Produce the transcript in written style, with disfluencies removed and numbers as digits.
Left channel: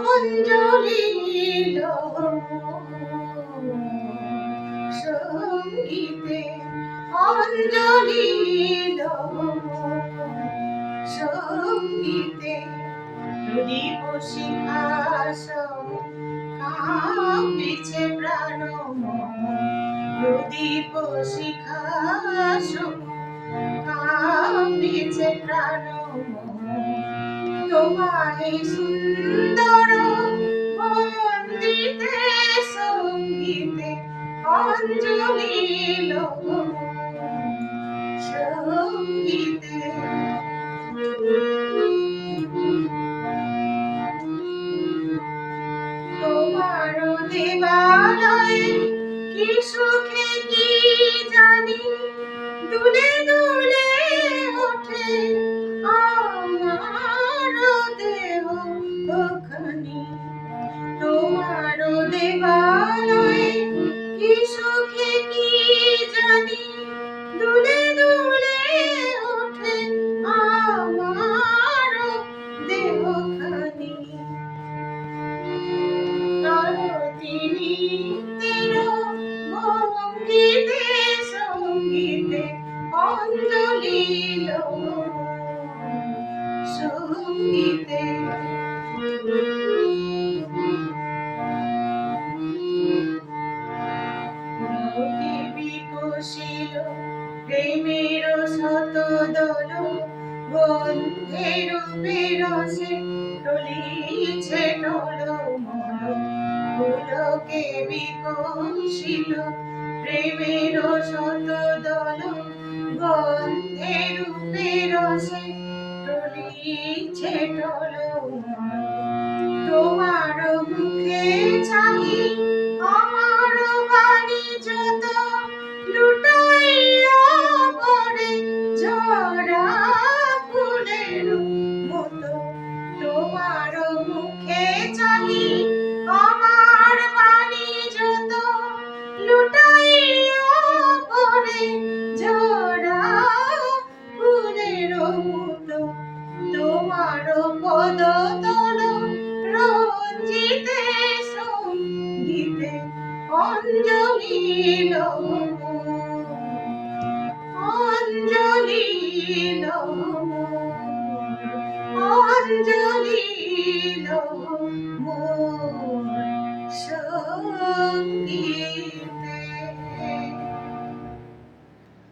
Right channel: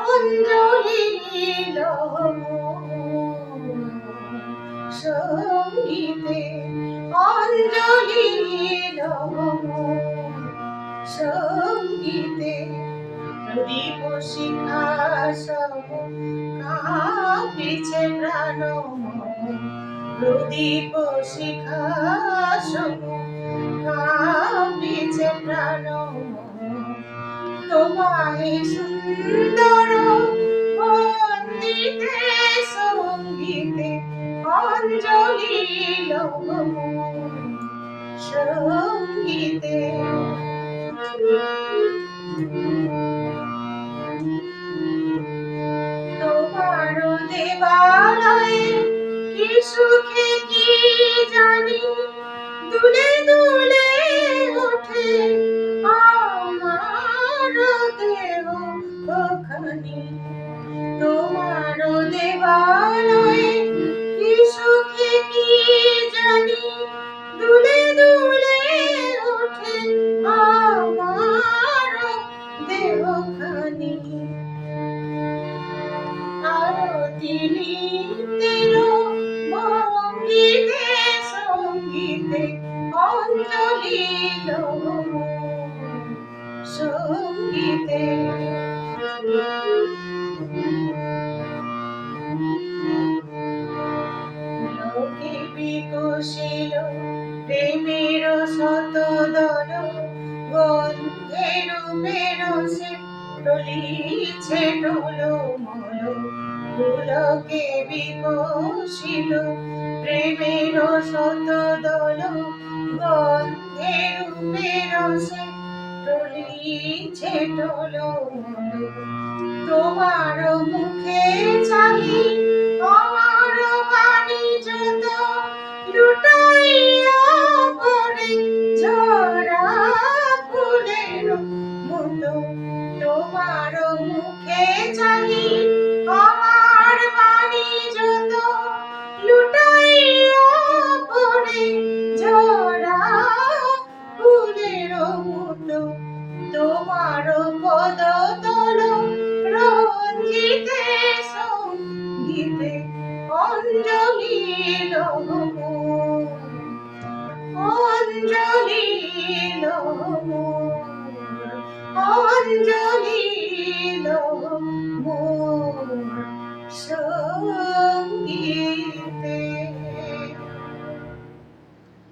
অঞ্জলি সঙ্গীতে অঞ্জলি সঙ্গীতে প্রদীপ শিখা সম কাঁপিছে প্রাণ প্রদীপ শিখা সম কাঁপিছে প্রাণ তোমায় সুন্দর বন্দিতে সঙ্গীতে অঞ্জলি সঙ্গীতে তোমার দেবালয়ে কি সুখে কি জানি দুলে দুলে ওঠে আমার দেহ খানি তোমার দেবালয়ে কি সুখে কি জানি দুলে দুলে ওঠে আমার দেহ খানি আরতি তেরো ভঙ্গিতে সঙ্গীতে অঞ্জলি সঙ্গীতে লোকে বিকশিল প্রেমের শত দল গন্ধের পেরসে টলিছে টলমল পুলকে বিকশিল প্রেমের শত দল গন্ধের পেরসে টলিছে টলমল তোমার মুখে চাহি আমার বাণী যত লুটাইয়া পড়ে ঝরা ফুলের মতো তোমার মুখে চাহি আমার বাণী যত লুটাইয়া পড়ে ঝরা ফুলের মতো তোমার পদ তল রঞ্জিতে সঙ্গীতে অঞ্জলি অঞ্জলি অঞ্জলি